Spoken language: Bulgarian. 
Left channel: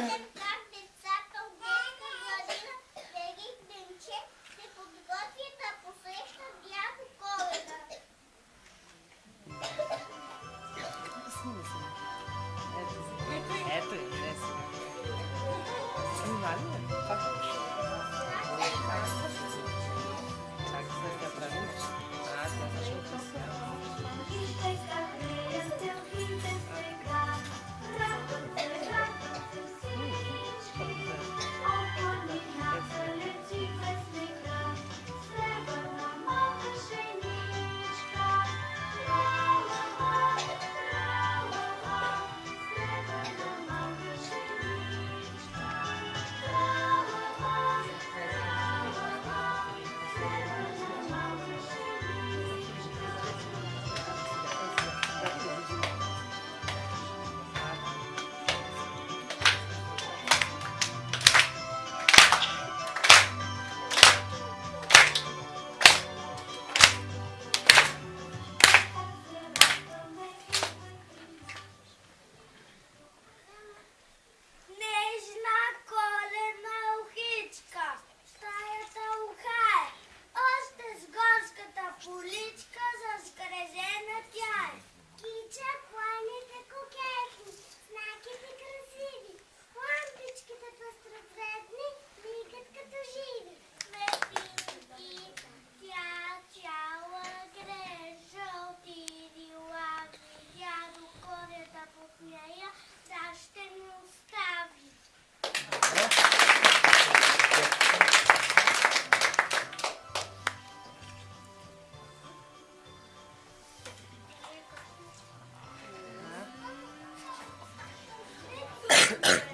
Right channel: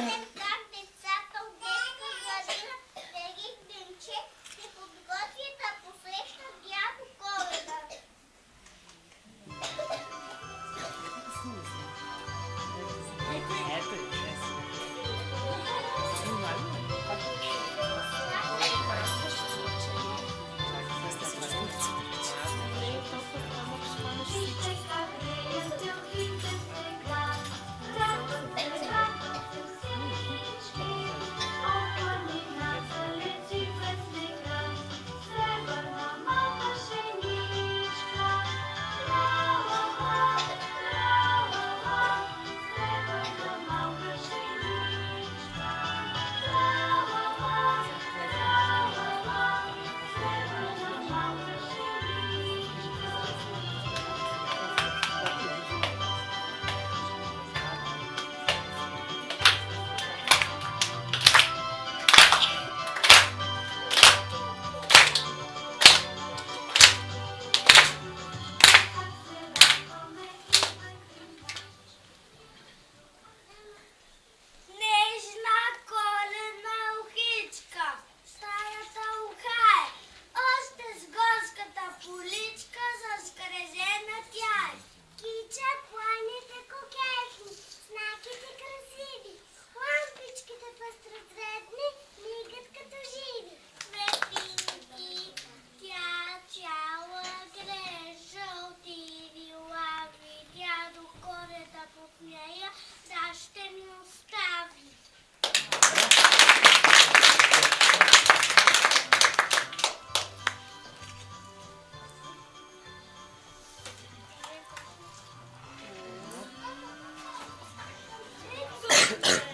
гледам как децата от детска градина Великденче се подготвят да посрещат Дядо Коледа. Нежна коледна ухичка, стаята ухае, още с горската поличка заскрезена тя е. Кича, планите кокетни, знаките красиви, лампичките пъстроцветни, мигат като живи. Светлинки, тя цяла грее, жълти лилави, Дядо Коледа под нея, да ще ми остави. Thank you.